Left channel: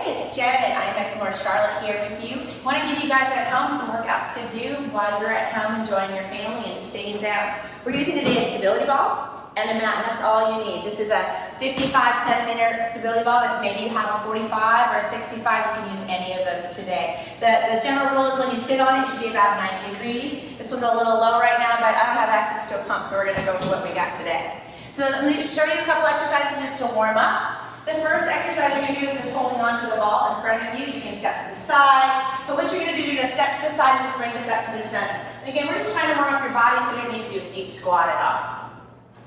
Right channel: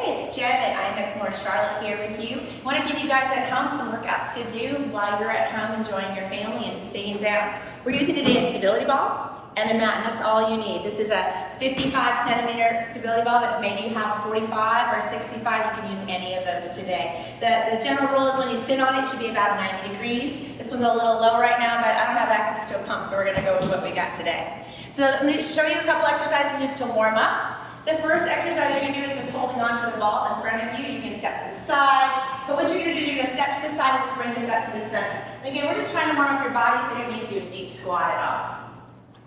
Hey, it's Jen at IMX Charlotte here with you. I want to give you guys at home some workouts to do while you're at home enjoying your family and just staying down. We're using today a stability ball and a mat, and that's all you need. This is a 55 centimeter stability ball, but maybe you have a 45 or a 65, you can use any of those today. The general rule is when you sit on it, it should be about 90 degrees. This one's a little low right now, but I don't have access to a pump, so we're gonna go with what we got today. So I'm gonna show you a couple exercises just to warm up. The first exercise you're going to do is just holding on to the ball in front of you. You can step to the sides, but what you're going to do is you're going to step to the side and just bring this up to the center. And again, we're just trying to warm up your body, so you don't need to do a deep squat at all.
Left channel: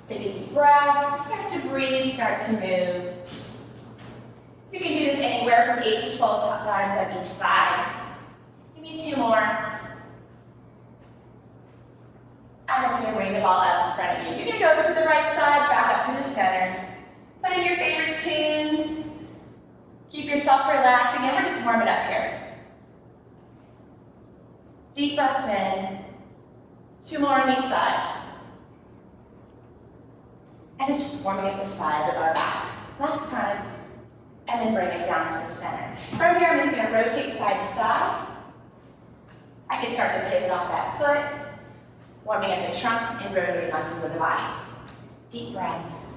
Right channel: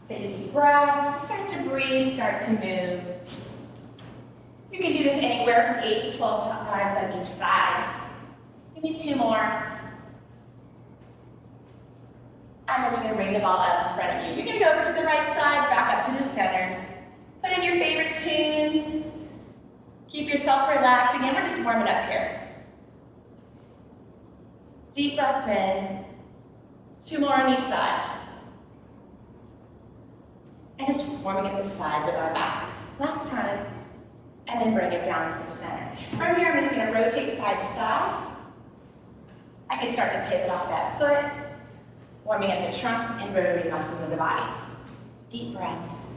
Take a deep breath, start to breathe, start to move. You can do this anywhere from 8 to 12 times on each side. Give me 2 more. And then you're going to bring the ball up in front of you. You're going to go over to the right side, back up to the center. Put in your favorite tunes. Keep yourself relaxed. Again, we're just warming up here. Deep breaths in. 2 more on each side. And just warming up the sides of our back. Last time. And then bring it down to the center. From here, I'm just going to rotate side to side. I can start to pivot off that foot, warming up the trunk and rotary muscles of the body. Deep breaths.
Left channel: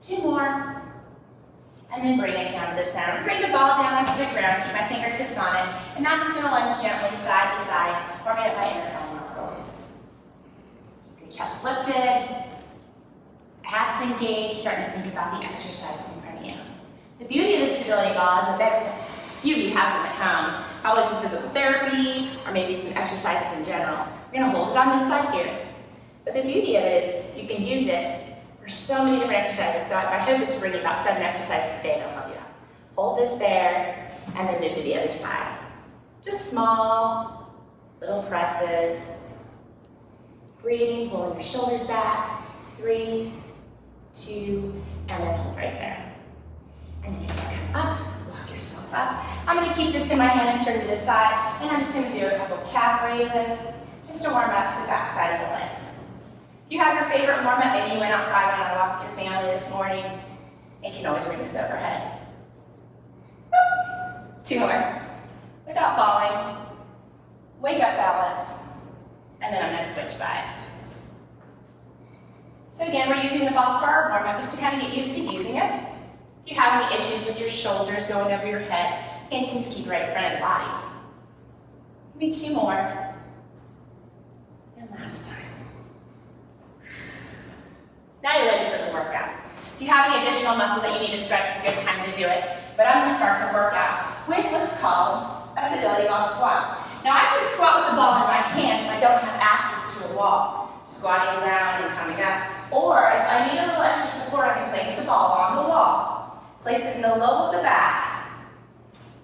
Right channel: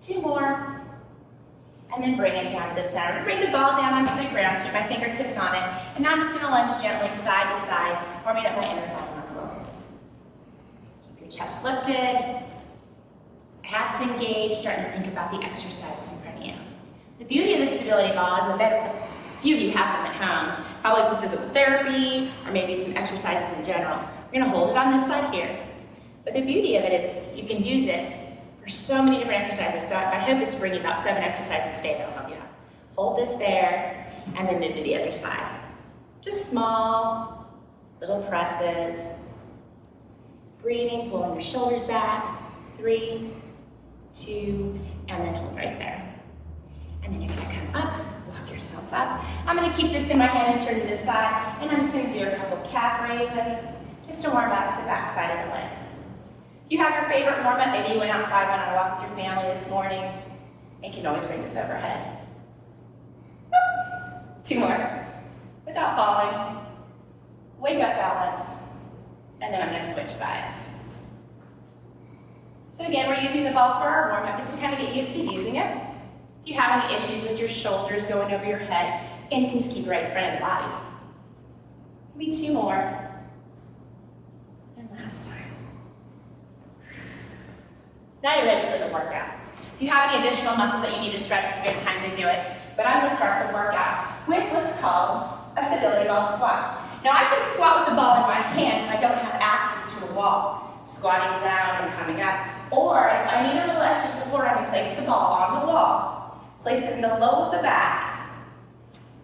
2 more, and then bring it down to the center. Bring the ball down onto the ground, keep my fingertips on it, and now I'm just going to lunge gently side to side, warming up my inner thigh muscles. Keep your chest lifted, abs engaged, starting to think about the exercises in front of you. The beauty of the stability ball is that few of you have them at home, probably from physical therapy, or maybe some exercises in general. We're going to hold it on this side here, but the beauty of it is you can use it for so many different exercises, so I hope it's bringing about 7 exercises a day that'll help you out. Hold this there, and then move to the other side. Just small, little presses. Breathing, pulling your shoulders back. 3, 2, and then hold right there. And then you're gonna come up, walk yourself up. I'm gonna keep this in my hand and turn to the side, and I'm just gonna do a couple calf raises, just to warm up the back side of the legs. If you have your favorite warm-up, maybe you went outside on a walk with your family this morning, and you can always bring this overhead. 2 more. Without falling. Wake up balance. And then I'm going to switch sides. So again, we're using the ball for our warm-up just to kind of get used to using it. If you have any issues with your shoulders going over your head, again, you can just keep it right in front of the body. Give me 2 more. And last time. Now you're ready for the workout. If you have any additional muscles that you need to stretch, it's a good time to do it. But I'm going to start the workout with what's called a stability ball squat. Now I can squat with the ball in my hand if I don't have access to a wall, squatting down and coming up. Or if I need a little extra support, I can place the ball on the wall, place it in the low of the back.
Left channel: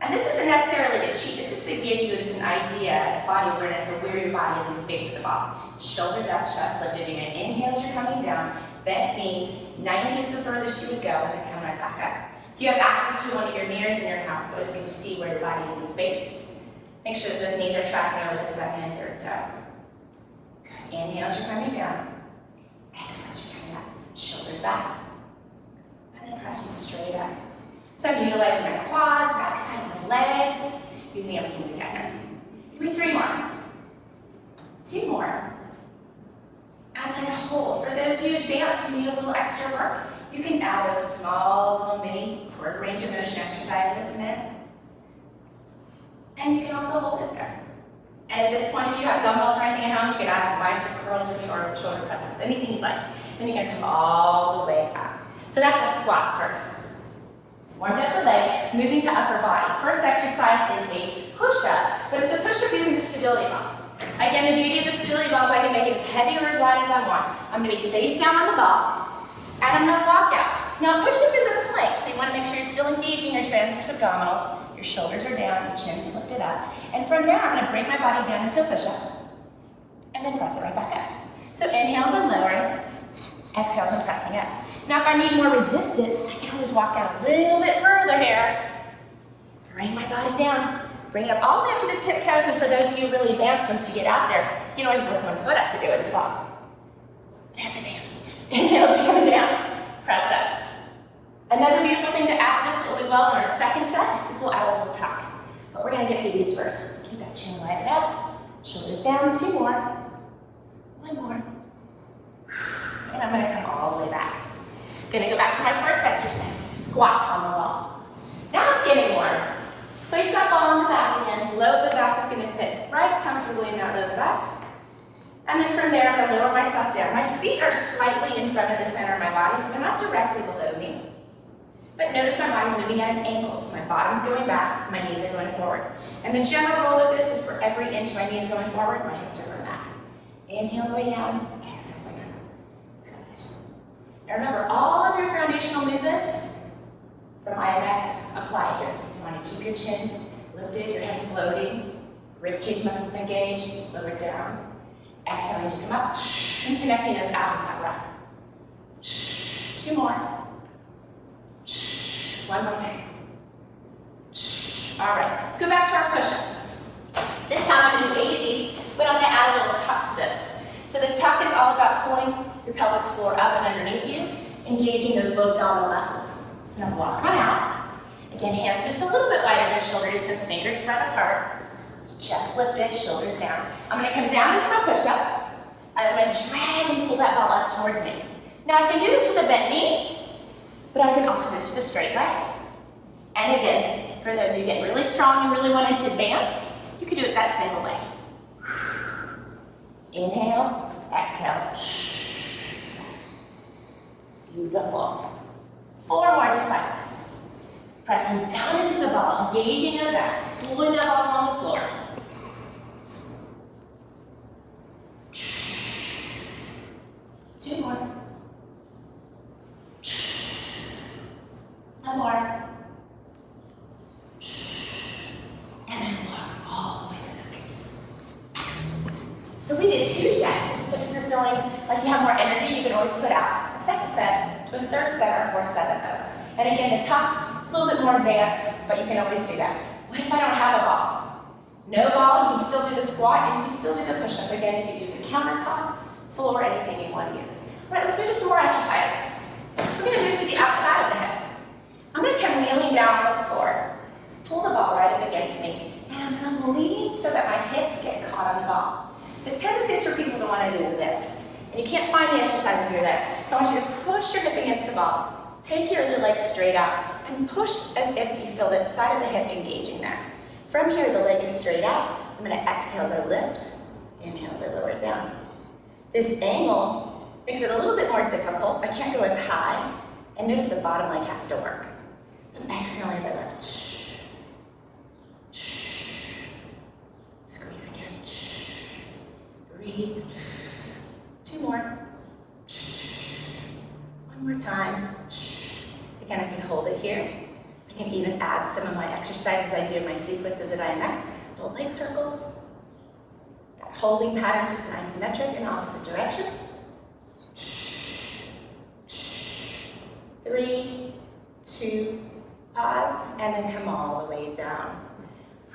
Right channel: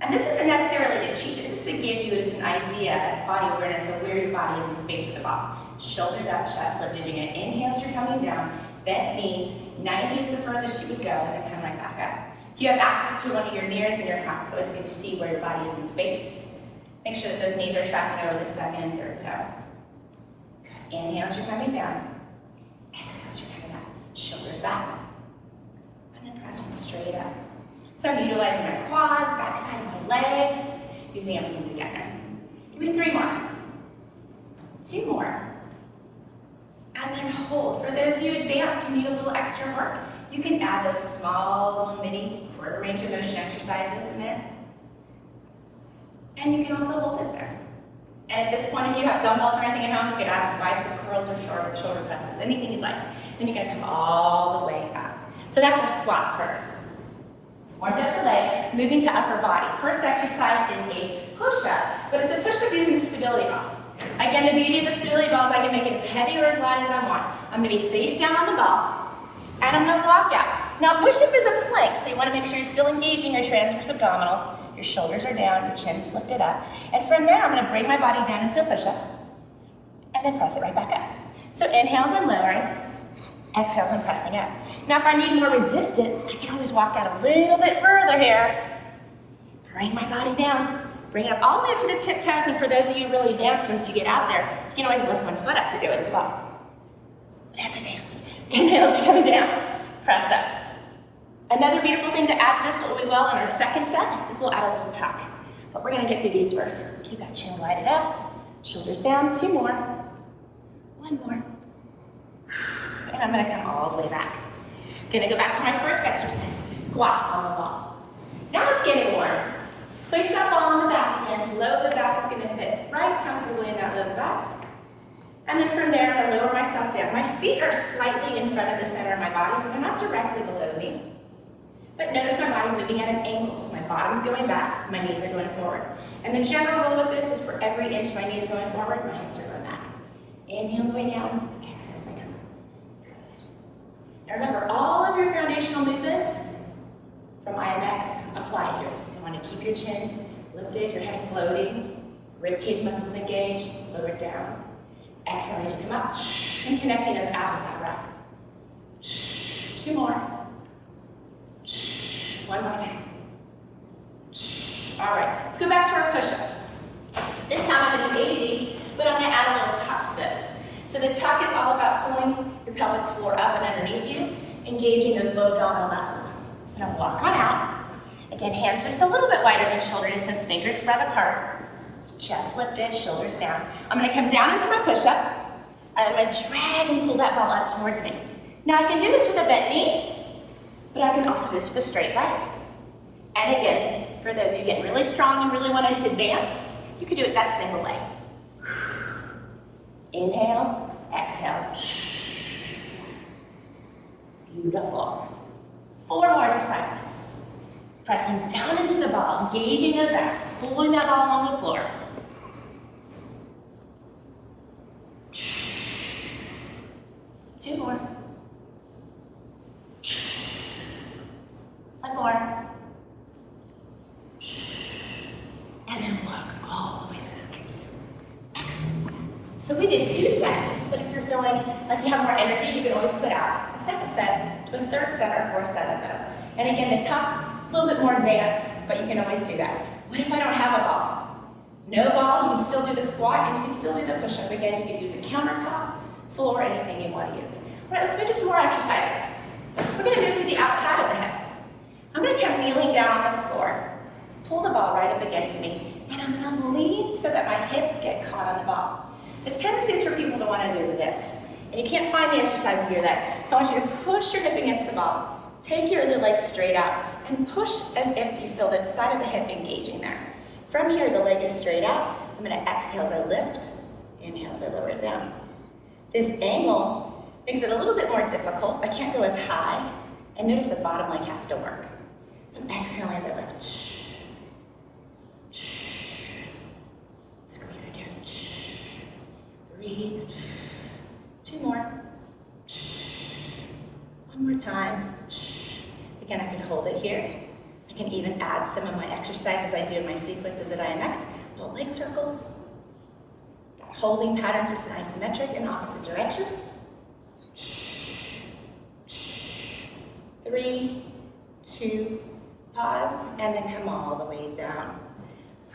And this isn't necessarily to cheat, it's just to give you just an idea, body awareness of where your body is in space with the ball. Shoulders up, chest lifted. You're going to inhale as you're coming down. Bent knees, 90 is the furthest you would go, and then come right back up. If you have access to one of your mirrors in your house, it's always good to see where your body is in space. Make sure that those knees are tracking over the 2nd and 3rd toe. Good. Inhale as you're coming down. Exhale as you're coming up. Shoulders back. And then pressing straight up. So I'm utilizing my quads, backside of my legs, using everything together. Give me 3 more. 2 more. And then hold. For those of you advanced who need a little extra work, you can add those small little mini quarter range of motion exercises in there. And you can also hold it there. And at this point, if you have dumbbells or anything at home, you can add some bicep curls or shoulder presses, anything you'd like. Then you're gonna come all the way up. So that's our squat first. Warmed up the legs, moving to upper body. First exercise is a push-up, but it's a push-up using the stability ball. Again, the beauty of the stability ball is I can make it as heavy or as wide as I want. I'm going to be face down on the ball, and I'm going to walk out. Now, push-up is a plank, so you want to make sure you're still engaging your transverse abdominals. Your shoulders are down, your chin's lifted up. And from there, I'm going to bring my body down into a push-up, and then press it right back up. So inhales and lowering, exhales and pressing up. Now, if I need more resistance, I can always walk out a little bit further here. Bring my body down. Bring it up all the way up to the tiptoes, and for those of you really advanced, once you get out there, you can always lift 1 foot up to do it as well. That's advanced. Inhales coming down, press up. Another beautiful thing to add to this that will be well on our second set is we'll add a little tuck. But we're gonna get through these first. Keep that chin wide out, shoulders down, 2 more, 1 more. And I'm gonna come all the way back. Gonna go back to my first exercise, squat on the wall. Now it's getting warm. Place that ball on the back again. Low of the back is gonna fit right comfortably in that low of the back. And then from there, I'm gonna lower myself down. My feet are slightly in front of the center of my body, so they're not directly below me. But notice my body's moving at an angle, so my bottom's going back, my knees are going forward. And the general rule with this is for every inch my knees going forward, my hips are going back. Inhale on the way down, exhale as I come up. Good. Now remember, all of your foundational movements from IMX apply here. You want to keep your chin lifted, your head floating, rib cage muscles engaged, lower down. Exhale as you come up, and connecting us out of that breath. 2 more. 1 more time. All right, let's go back to our push-up. This time I'm gonna do 8 of these, but I'm gonna add a little tuck to this. So the tuck is all about pulling your pelvic floor up and underneath you, engaging those low abdominal muscles. I'm gonna walk on out. Again, hands just a little bit wider than shoulder distance, fingers spread apart, chest lifted, shoulders down. I'm gonna come down into my push-up, and I'm gonna drag and pull that ball up towards me. Now I can do this with a bent knee, but I can also do this with a straight leg. And again, for those of you getting really strong and really wanting to advance, you could do it that single leg. Inhale, exhale. Beautiful. 4 more just like this. Pressing down into the ball, engaging those abs, pulling that ball along the floor. 2 more. 1 more. And then walk all the way back. Excellent. So we did 2 sets, but if you're feeling like you have more energy, you can always put out a second set to a third set or 4th set of those. And again, the tuck is a little bit more advanced, but you can always do that. What if I don't have a ball? No ball, you can still do the squat and you can still do the push-up. Again, you can use a countertop, floor, anything you want to use. All right, let's move to some more exercises. We're going to move to the outside of the hip. I'm going to come kneeling down on the floor, pull the ball right up against me, and I'm going to lean so that my hips get caught on the ball. The tendency is for people to want to do this, and you can't find the exercise with your leg. So I want you to push your hip against the ball. Take your other leg straight out, and push as if you feel the side of the hip engaging there. From here, the leg is straight out. I'm going to exhale as I lift, inhale as I lower it down. This angle makes it a little bit more difficult. I can't go as high, and notice the bottom leg has to work. So I'm exhaling as I lift. Squeeze again. Breathe. 2 more. 1 more time. Again, I can hold it here. I can even add some of my exercises I do in my sequences at IMX. Little leg circles. That holding pattern, just an isometric in opposite direction. 3, 2, pause, and then come all the way down.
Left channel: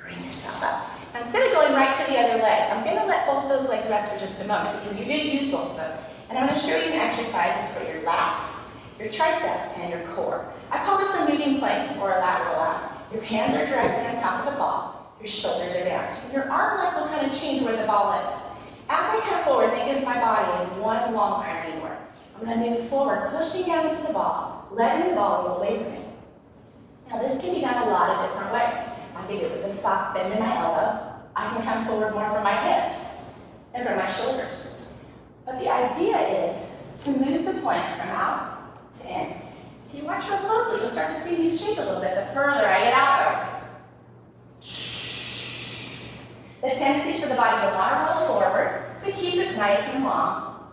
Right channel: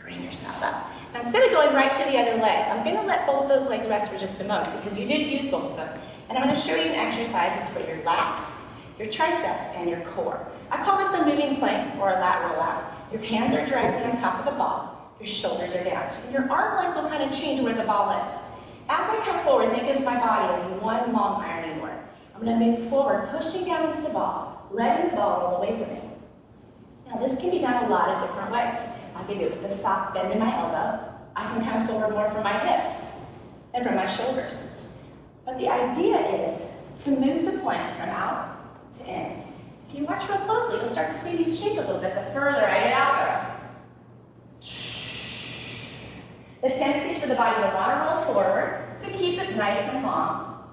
Bring yourself up. Now instead of going right to the other leg, I'm going to let both those legs rest for just a moment because you did use both of them. And I'm going to show you an exercise that's for your lats, your triceps, and your core. I call this a moving plank or a lateral lat. Your hands are directly on top of the ball. Your shoulders are down. And your arm length will kind of change where the ball is. As I come forward, think of my body as one long ironing board. I'm going to move forward, pushing down into the ball, letting the ball roll away from me. Now this can be done a lot of different ways. I can do it with a soft bend in my elbow. I can come forward more from my hips and from my shoulders. But the idea is to move the plank from out to in. If you watch real closely, you'll start to see me shake a little bit the further I get out though. The tendency is for the body to want to roll forward, so keep it nice and long.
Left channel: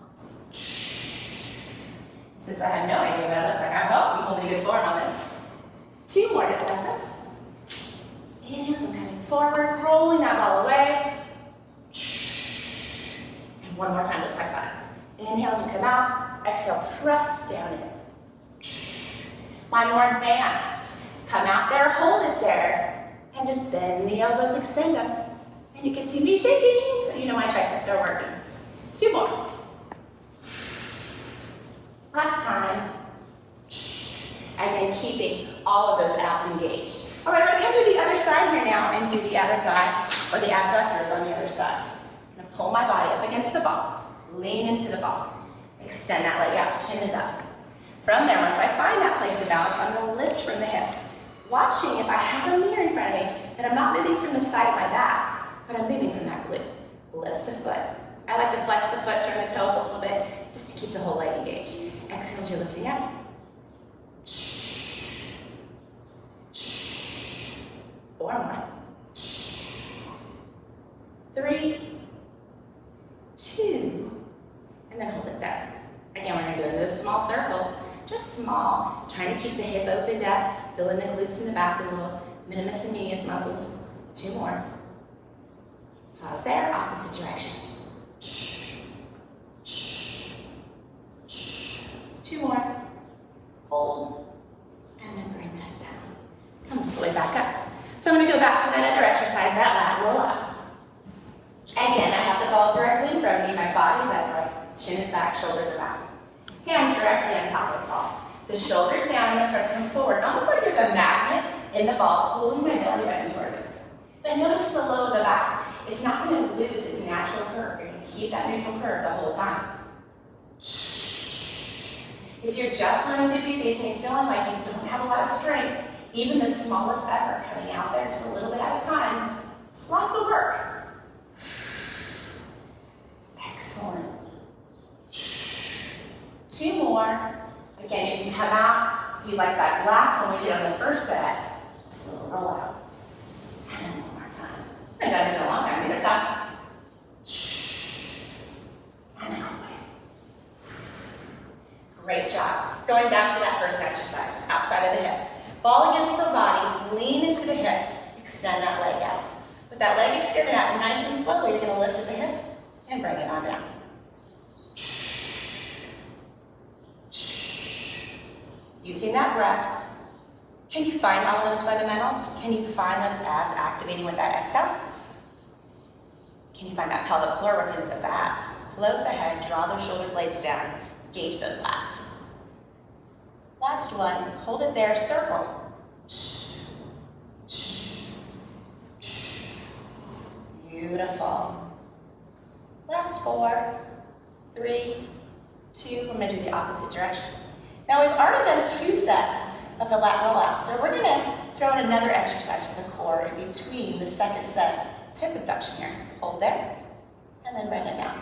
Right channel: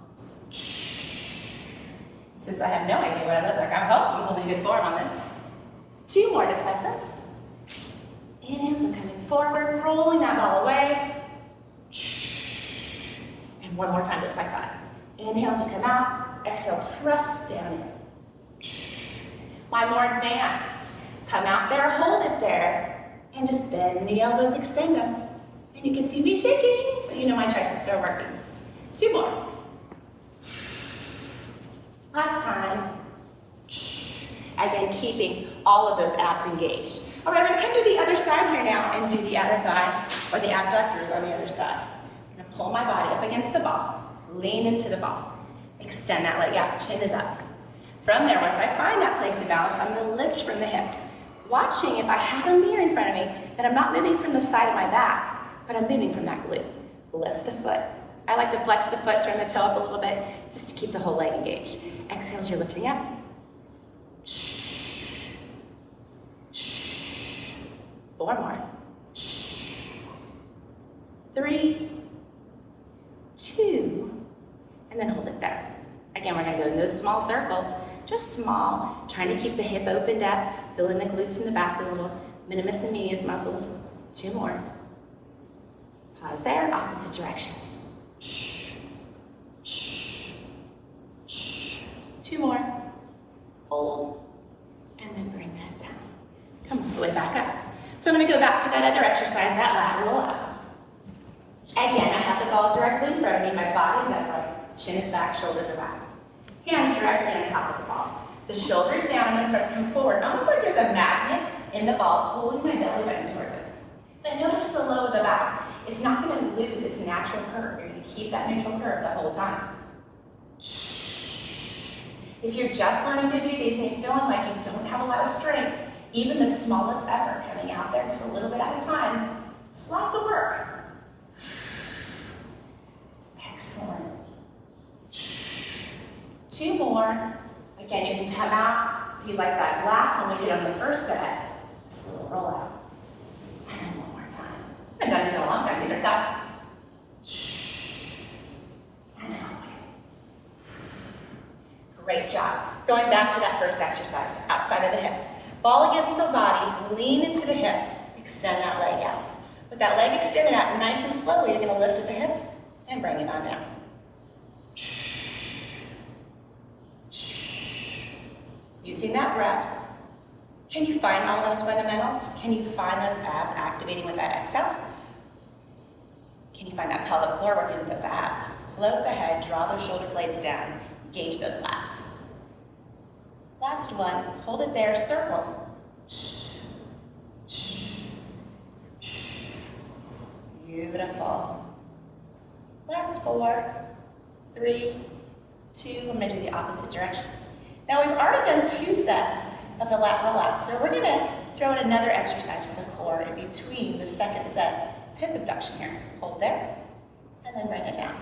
Since I have no idea what I look like, I hope I'm holding good form on this. 2 more just like this. Inhale, I'm coming forward, rolling that ball away. And 1 more time just like that. Inhale as you come out, exhale, press down in. My more advanced, come out there, hold it there, and just bend the elbows, extend them. And you can see me shaking, so you know my triceps are working. 2 more. Last time. Again, keeping all of those abs engaged. All right, I'm gonna come to the other side here now and do the outer thigh, or the abductors on the other side. I'm gonna pull my body up against the ball, lean into the ball, extend that leg out, chin is up. From there, once I find that place to balance, I'm gonna lift from the hip, watching if I have a mirror in front of me, that I'm not moving from the side of my back, but I'm moving from that glute. Lift the foot. I like to flex the foot, turn the toe up a little bit, just to keep the whole leg engaged. Exhale as you're lifting up. 4 more. 3, 2, and then hold it there. Again, we're gonna go in those small circles, just small, trying to keep the hip opened up, feeling the glutes in the back, those little minimus and medius muscles. 2 more. Pause there, opposite direction. 2 more. Hold, and then bring that down. Come all the way back up. So I'm gonna go back to that other exercise, that lat roll out. Again, I have the ball directly in front of me, my body's upright, chin is back, shoulders are back. Hands directly on top of the ball. The shoulders down, I'm gonna start to come forward, almost like there's a magnet in the ball pulling my belly button towards it. But notice the low of the back. It's not gonna lose its natural curve. You're gonna keep that neutral curve the whole time. If you're just learning to do these and you're feeling like you don't have a lot of strength, even the smallest effort coming out there just a little bit at a time, it's lots of work. Excellent. 2 more. Again, you can come out if you like that last one we did on the first set. It's a little roll out. And one more time. I haven't done these in a long time. These are tough. And then all the way. Great job. Going back to that first exercise, outside of the hip. Ball against the body, lean into the hip, extend that leg out. With that leg extended out, nice and slowly, you're gonna lift at the hip and bring it on down. Using that breath, can you find all those fundamentals? Can you find those abs activating with that exhale? Can you find that pelvic floor working with those abs? Float the head, draw those shoulder blades down, engage those lats. Last one, hold it there, circle. Beautiful. Last 4, 3, 2, we're gonna do the opposite direction. Now we've already done 2 sets of the lat rollout, so we're gonna throw in another exercise for the core in between the second set of hip abduction here. Hold there, and then bring it down.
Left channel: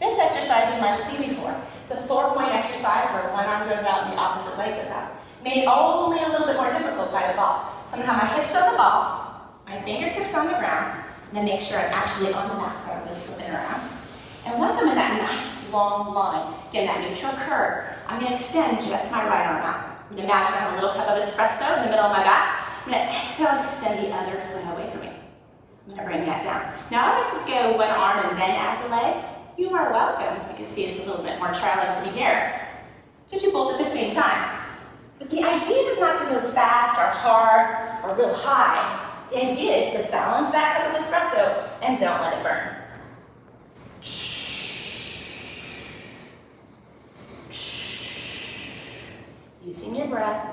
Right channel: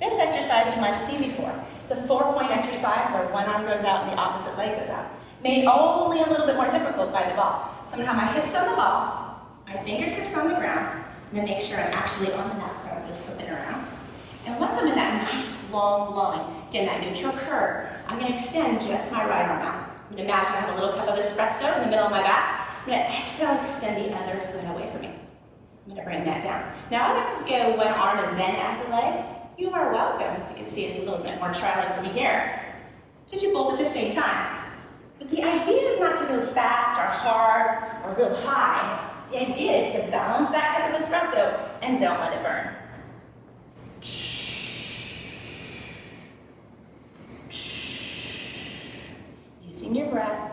This exercise you might have seen before. It's a 4-point exercise where one arm goes out and the opposite leg goes out. Made only a little bit more difficult by the ball. So I'm gonna have my hips on the ball, my fingertips on the ground, and then make sure I'm actually on the mat, so I'm just slipping around. And once I'm in that nice long line, again, that neutral curve, I'm gonna extend just my right arm out. I'm gonna imagine I have a little cup of espresso in the middle of my back. I'm gonna exhale, extend the other foot away from me. I'm gonna bring that down. Now I like to go one arm and then add the leg. You are welcome. You can see it's a little bit more trialing for me here. To do both at the same time. But the idea is not to go fast or hard or real high. The idea is to balance that cup of espresso and don't let it burn. Using your breath.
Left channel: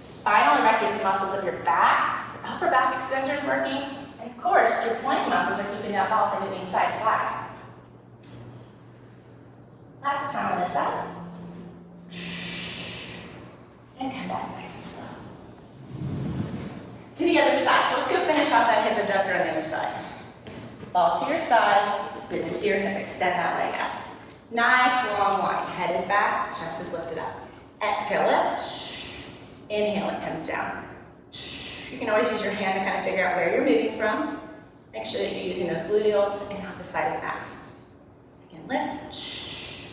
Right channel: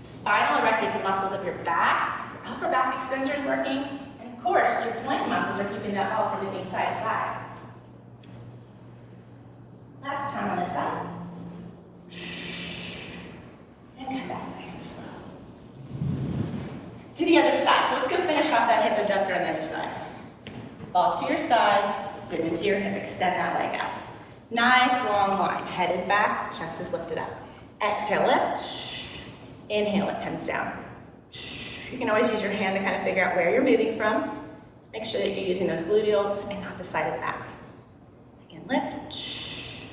Spinal erectors, the muscles of your back, your upper back extensors working, and of course, your plank muscles are keeping that ball from moving side to side. Last time on this side. And come back nice and slow. To the other side. So let's go finish off that hip abductor on the other side. Ball to your side, sit into your hip, extend that leg out. Nice long line. Head is back, chest is lifted up. Exhale, lift. Inhale, it comes down. You can always use your hand to kind of figure out where you're moving from. Make sure that you're using those gluteals and not the side of the back. Again, lift.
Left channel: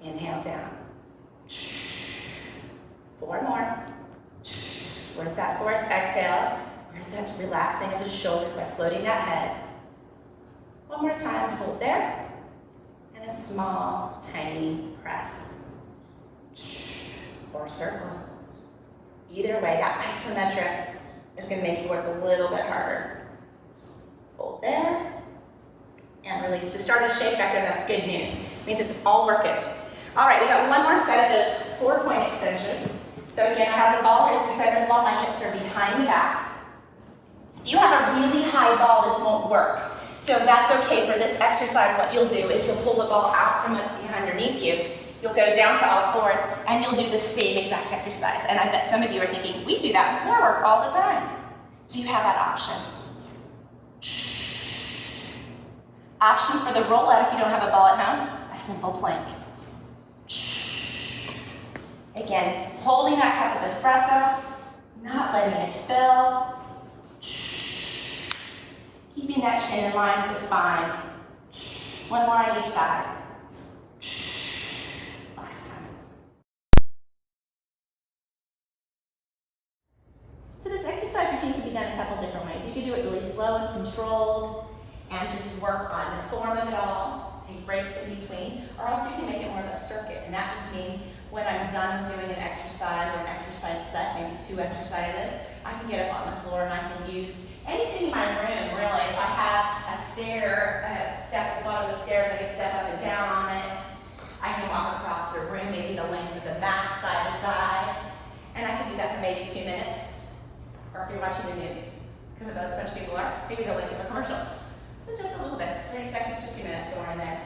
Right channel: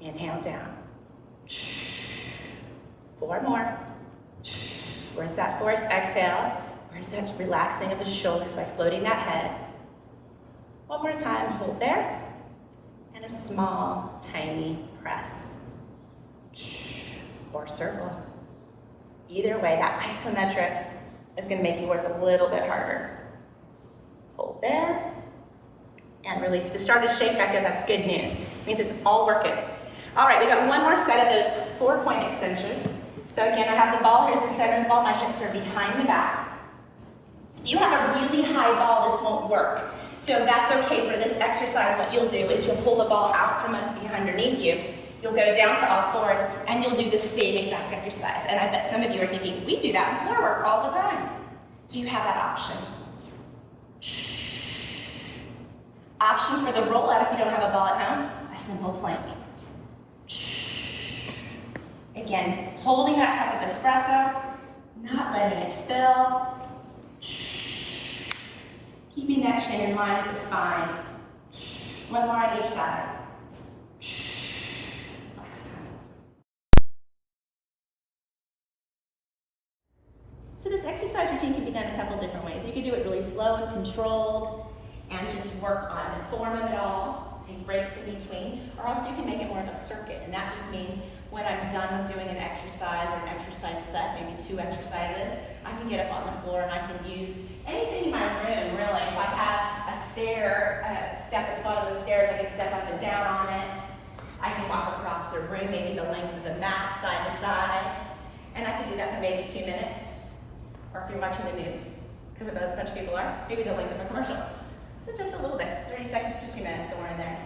Inhale, down. 4 more. Where's that forced exhale? Where's that relaxing of the shoulders by floating that head? 1 more time, hold there. And a small, tiny press. Or circle. Either way, that isometric is going to make you work a little bit harder. Hold there. And release. If it started to shake back there, that's good news. It means it's all working. All right, we got one more set of those 4-point extensions. So again, I have the ball, here's the center of the ball, my hips are behind the back. If you have a really high ball, this won't work. So that's okay for this exercise. What you'll do is you'll pull the ball out from underneath you, you'll go down to all fours, and you'll do the same exact exercise. And I bet some of you are thinking, we do that in floor work all the time. So you have that option. Option for the rollout if you don't have a ball at home, a simple plank. Again, holding that cup of espresso, not letting it spill. Keeping that chin in line with the spine. One more on each side. Last time. So this exercise routine can be done a couple different ways. You can do it really slow and controlled and just work on the form of it all, take breaks in between, or else you can make it more of a circuit, and that just means when I'm done with doing an exercise or an exercise set, maybe 2 exercises, I can get up on the floor and I can use anything in my room, really. If I have a step at the bottom of the stairs, I can step up and down on it. I can walk across the room, maybe the length of the mat side to side, and I can do that for maybe 2 minutes. Or if you're watching the news, because a bunch of people are, maybe the length of a commercial. So just a little bit, 30 seconds to 2 minutes, somewhere in there.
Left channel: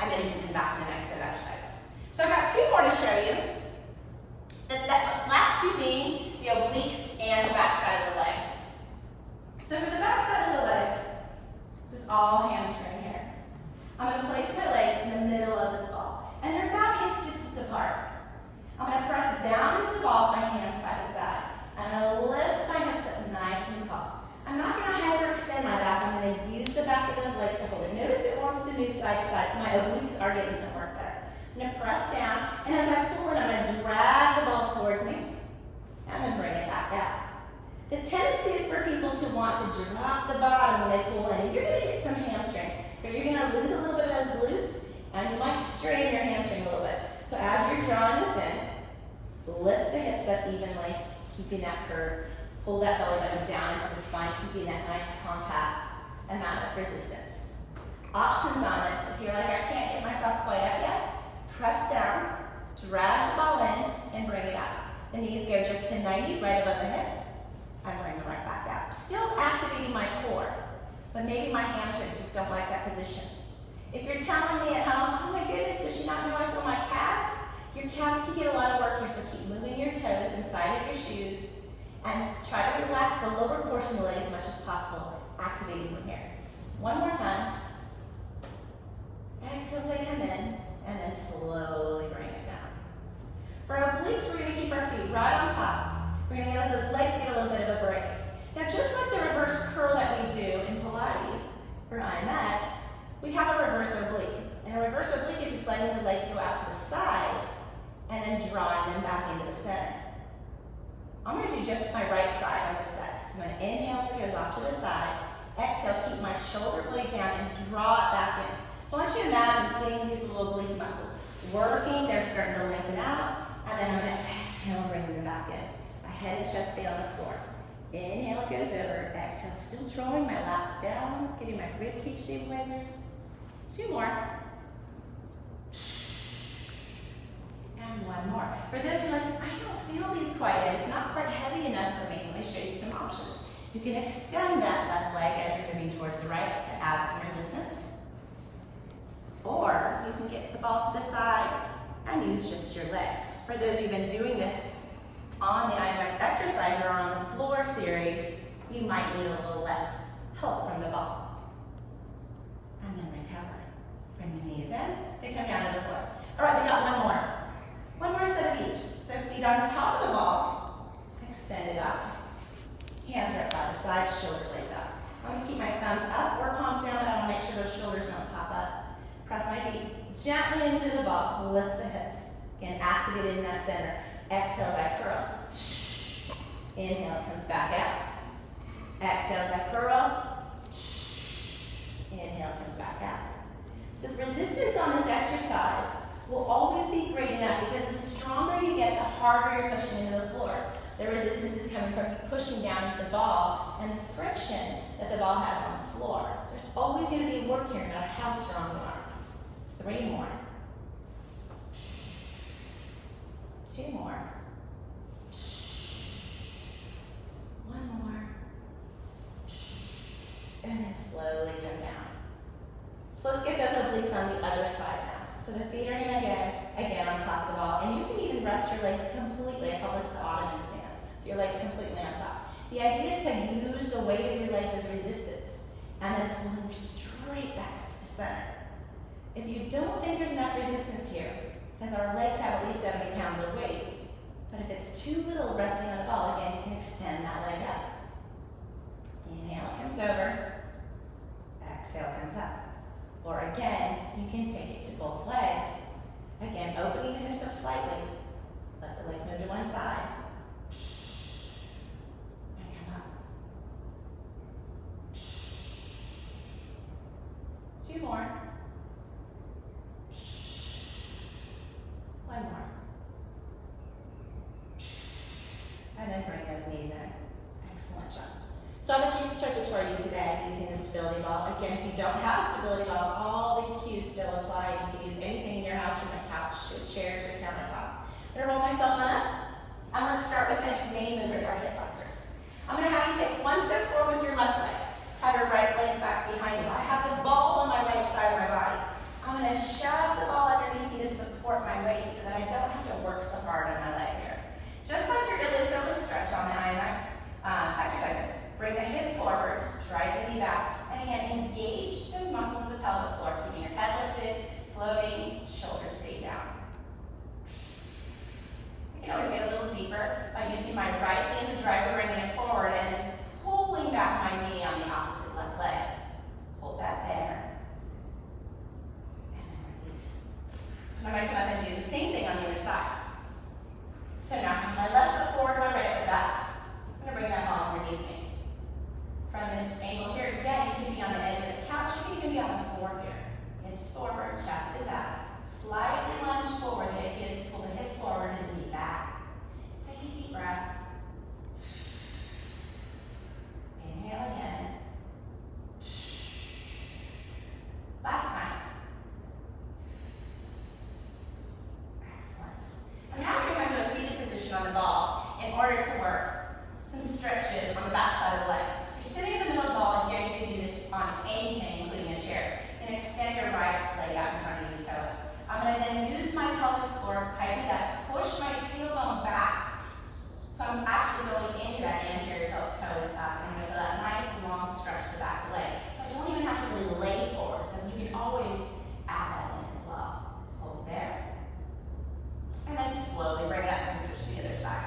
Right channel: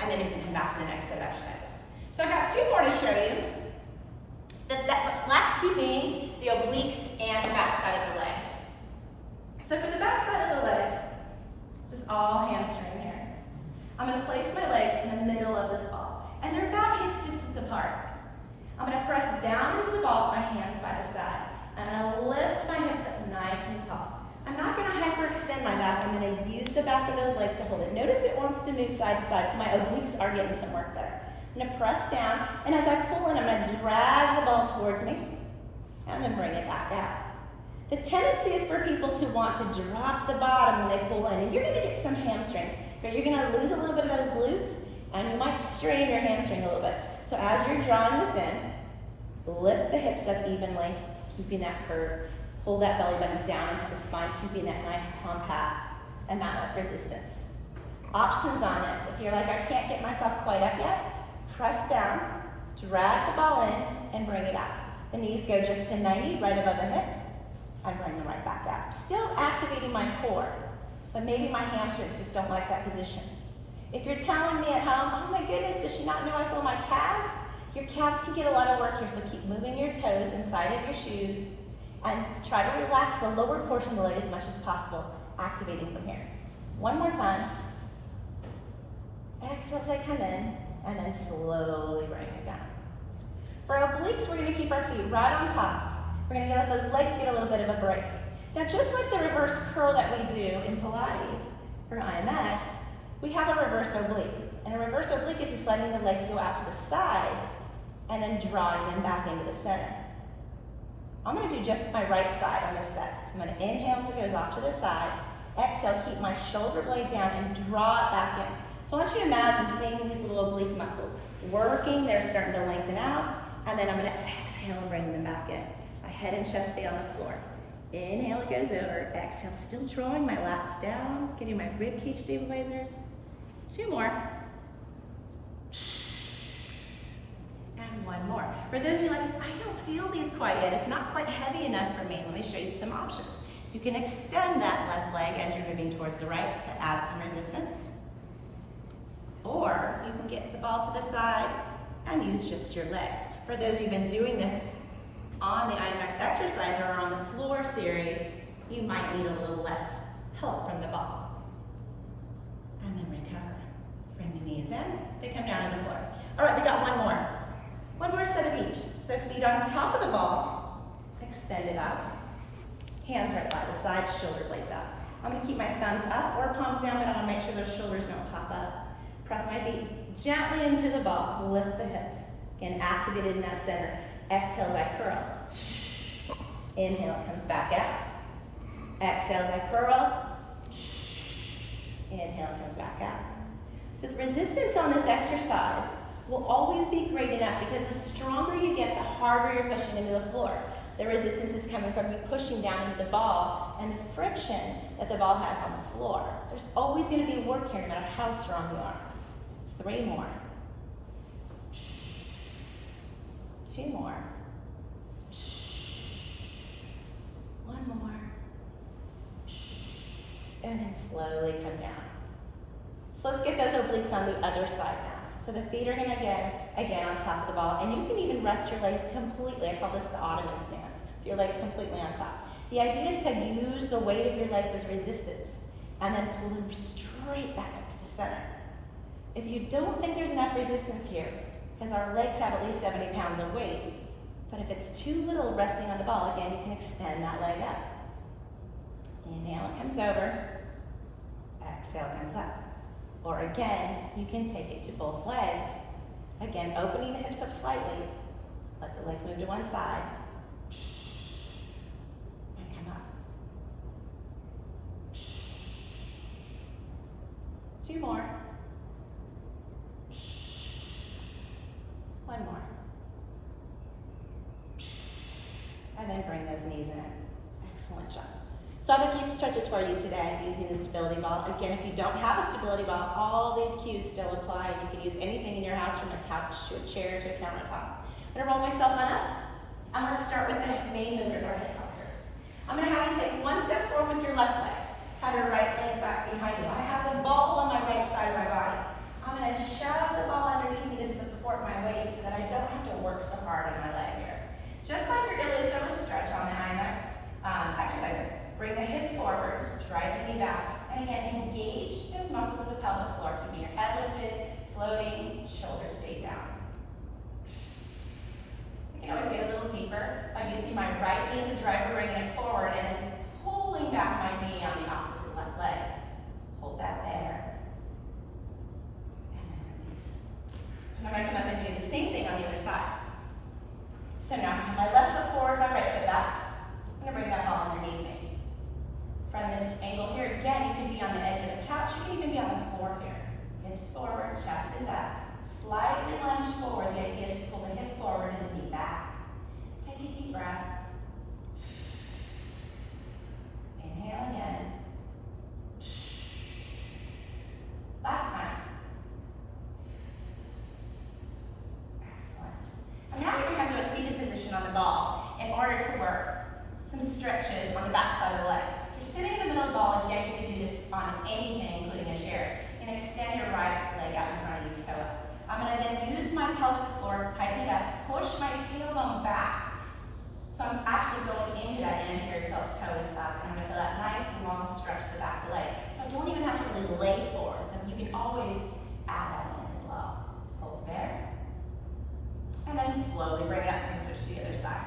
And then you can come back to the next set of exercises. So I've got 2 more to show you. The last 2 being the obliques and the back side of the legs. So for the back side of the legs, this is all hamstring here. I'm going to place my legs in the middle of this ball. And they're about hip distance apart. I'm going to press down into the ball with my hands by the side. I'm going to lift my hips up nice and tall. I'm not going to hyperextend my back. I'm going to use the back of those legs to hold it. Notice it wants to move side to side, so my obliques are getting some work there. I'm going to press down, and as I pull in, I'm going to drag the ball towards me, and then bring it back out. The tendency is for people to want to drop the bottom when they pull in, and you're going to get some hamstrings. But you're going to lose a little bit of those glutes, and you might strain your hamstring a little bit. So as you're drawing this in, lift the hips up evenly, keeping that curve. Pull that belly button down into the spine, keeping that nice compact amount of resistance. Options on this, if you're like, I can't get myself quite up yet, press down, drag the ball in, and bring it out. The knees go just to 90, right above the hips, and bring them right back out. Still activating my core, but maybe my hamstrings just don't like that position. If you're telling me at home, oh my goodness, does she not know I feel my calves? Your calves can get a lot of work here, so keep moving your toes inside of your shoes, and try to relax the lower portion of the leg as much as possible, activating from here. One more time. Exhale as I come in, and then slowly bring it down. For obliques, we're going to keep our feet right on top. We're going to let those legs get a little bit of a break. Now, just like the reverse curl that we do in Pilates for IMX, we have a reverse oblique. And a reverse oblique is just letting the legs go out to the side and then drawing them back into the center. I'm going to do just my right side on this set. I'm going to inhale as it goes off to the side. Exhale, keep my shoulder blade down and draw it back in. So I want you to imagine seeing these little oblique muscles working. They're starting to lengthen out. And then I'm going to exhale and bring them back in. My head and chest stay on the floor. Inhale, it goes over. Exhale, still drawing my lats down, getting my rib cage stabilizers. 2 more. And 1 more. For those who are like, I don't feel these quite yet. It's not quite heavy enough for me. Let me show you some options. You can extend that left leg as you're moving towards the right to add some resistance. Or you can get the ball to the side and use just your legs. For those who've been doing this on the IMX exercise or on the floor series, you might need a little less help from the ball. And then recover. Bring the knees in, they come down to the floor. All right, we got 1 more. 1 more set of each. So feet on top of the ball, extend it up. Hands right by the side, shoulder blades up. I'm gonna keep my thumbs up or palms down, but I wanna make sure those shoulders don't pop up. Press my feet gently into the ball, lift the hips. Again, activate it in that center. Exhale as I curl. Inhale, comes back out. Exhale as I curl. Inhale, comes back out. So the resistance on this exercise will always be great enough because the stronger you get, the harder you're pushing into the floor. The resistance is coming from you pushing down into the ball and the friction that the ball has on the floor. So there's always going to be work here no matter how strong you are. 3 more. 2 more. 1 more. And then slowly come down. So let's get those obliques on the other side now. So the feet are gonna again on top of the ball, and you can even rest your legs completely. I call this the Ottoman stance. Your legs completely on top. The idea is to use the weight of your legs as resistance, and then pull them straight back up to the center. If you don't think there's enough resistance here, because our legs have at least 70 pounds of weight, but if it's too little resting on the ball, again, you can extend that leg up. Inhale, it comes over. Exhale, comes up. Or again, you can take it to both legs. Again, opening the hips up slightly. Let the legs move to one side. And come up. 2 more. 1 more. And then bring those knees in. Excellent job. So I have a few stretches for you today using the stability ball. Again, if you don't have a stability ball, all these cues still apply. You can use anything in your house from a couch to a chair to a countertop. I'm gonna roll myself on up, and let's start with the main movers, our hip flexors. I'm gonna have you take 1 step forward with your left leg. Have your right leg back behind you. I have the ball on my right side of my body. I'm gonna shove the ball underneath me to support my weight so that I don't have to work so hard on my leg here. Just like your iliopsoas stretch on the IMX exercise. Bring the hip forward, drive the knee back, and again, engage those muscles of the pelvic floor, keeping your head lifted, floating, shoulders stay down. I can always get a little deeper by using my right knee as a driver, bringing it forward, and then pulling back my knee on the opposite left leg. Hold that there. And then release. And I'm going to come up and do the same thing on the other side. So now, my left foot forward, my right foot back. I'm going to bring that ball underneath me. From this angle here, again, you can be on the edge of the couch, you can even be on the floor here. Hips forward, chest is up. Slightly lunge forward. The idea is to pull the hip forward and the knee back. Take a deep breath. Inhale again. Last time. Excellent. And now we're going to come to a seated position on the ball in order to work some stretches on the back side of the leg. You're sitting in the middle of the ball, and again, you can do this on anything, including a chair. You can extend your right leg out in front of you, toe up. I'm going to then use my pelvic floor, tighten it up, push my tailbone back. So I'm actually going into that anterior tilt, toe is up, and I'm going to feel that nice long stretch to the back of the leg. So I don't even have to really lay forward. You can always add that in as well. Hold there. And then slowly bring it up and switch to the other side.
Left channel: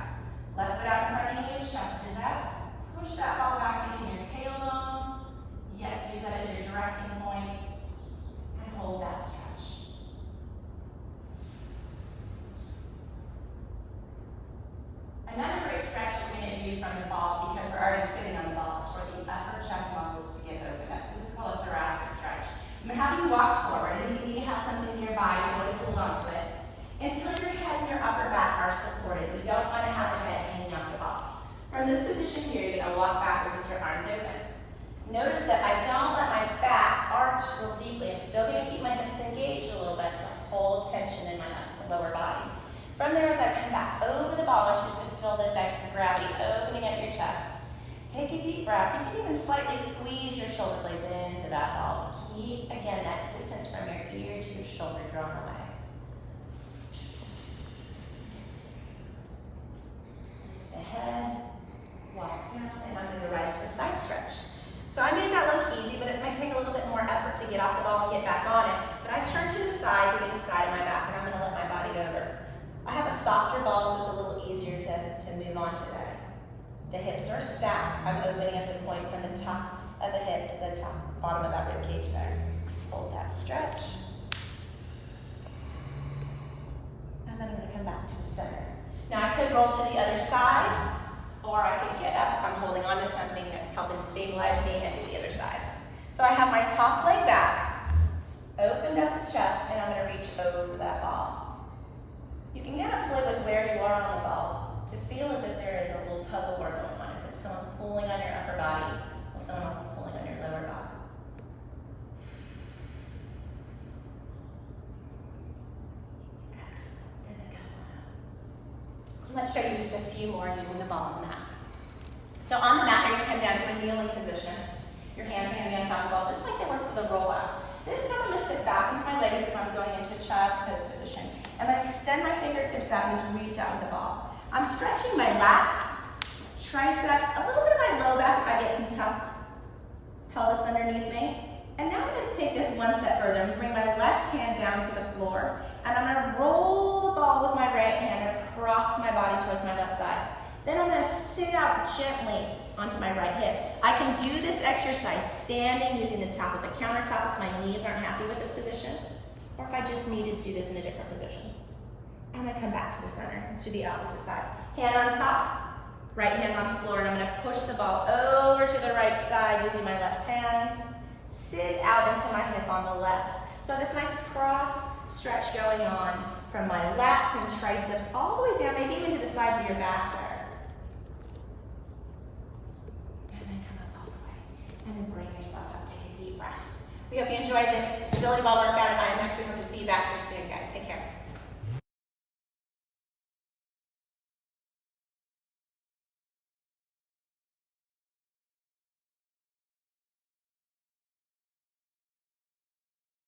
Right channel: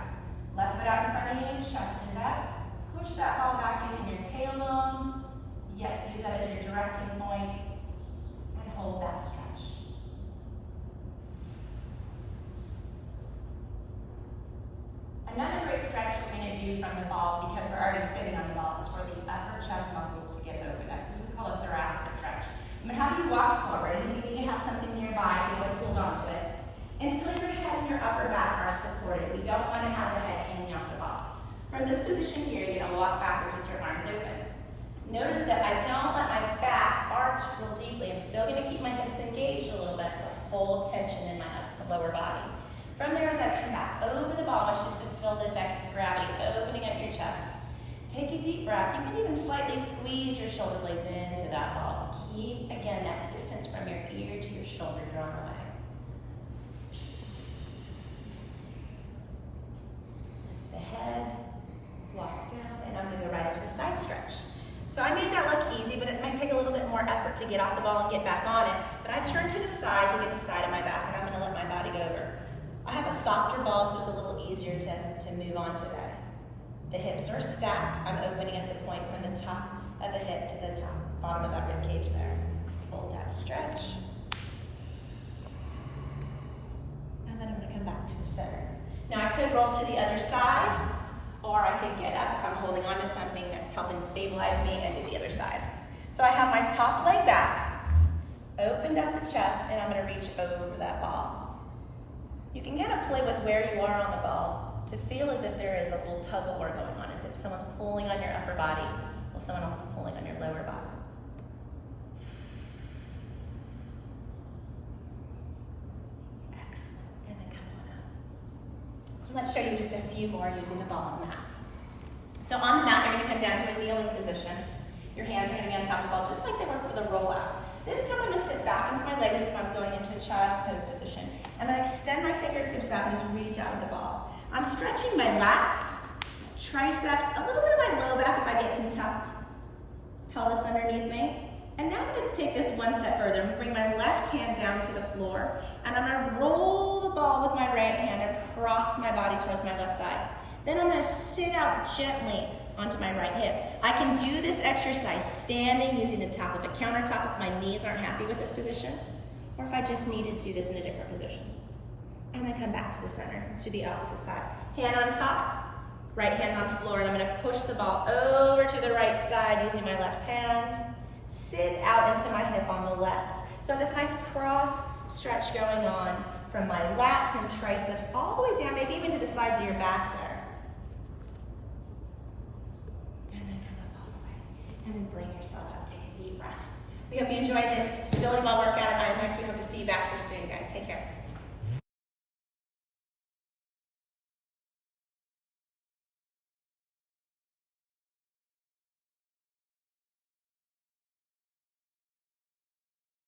Left foot out in front of you, chest is up. Push that ball back using your tailbone. Yes, use that as your directing point. And hold that stretch. Another great stretch we're going to do from the ball, because we're already sitting on the ball, is for the upper chest muscles to get opened up. So this is called a thoracic stretch. I'm going to have you walk forward, and if you need to have something nearby, you can always hold on to it, until your head and your upper back are supported. We don't want to have the head hanging off the ball. From this position here, you're going to walk backwards with your arms open. Notice that I don't let my back arch real deeply. I'm still going to keep my hips engaged a little bit to hold tension in my lower body. From there, as I come back over the ball, it's just to feel the effects of gravity opening up your chest. Take a deep breath. You can even slightly squeeze your shoulder blades into that ball. Keep, again, that distance from your ear to your shoulder drawn away. The head, walk down, and I'm going to go right into a side stretch. So I made that look easy, but it might take a little bit more effort to get off the ball and get back on it. But I turn to the side to get the side of my back, and I'm going to let my body go over. I have a softer ball, so it's a little easier to move on today. The hips are stacked. I'm opening up the point from the top of the hip to the bottom of that rib cage there. Hold that stretch. And then I'm going to come back to the center. Now I could roll to the other side, or I could get up if I'm holding on to something that's helping stabilize me and do the other side. So I have my top leg back, opened up the chest, and I'm going to reach over that ball. You can kind of play with where you are on the ball to feel as if there is a little tug of war going on, as if someone's pulling on your upper body while someone else is pulling on your lower body. Excellent. And then come on up. Let's show you just a few more using the ball on the mat. So on the mat, you're going to come down to a kneeling position. Your hands are going to be on top of the ball, just like they were for the rollout. This time I'm going to sit back into my legs if I'm going into child's pose position. I'm going to extend my fingertips out and just reach out with the ball. I'm stretching my lats, triceps, a little bit of my low back if I get some tucked pelvis underneath me. And now I'm going to take this one step further. I'm going to bring my left hand down to the floor, and I'm going to roll the ball with my right hand across my body towards my left side. Then I'm going to sit out gently onto my right hip. I can do this exercise standing using the top of the countertop if my knees aren't happy with this position, or if I just need to do this in a different position. And then come back to the center. Let's do the opposite side. Hand on top, right hand on the floor, and I'm going to push the ball over to the right side using my left hand. Sit out into my hip on the left. So this nice cross stretch going on from my lats and triceps all the way down, maybe even to the sides of your back there. And then come up all the way. And then bring yourself up. Take a deep breath. We hope you enjoyed this stability ball workout at IMX. We hope to see you back here soon, guys. Take care.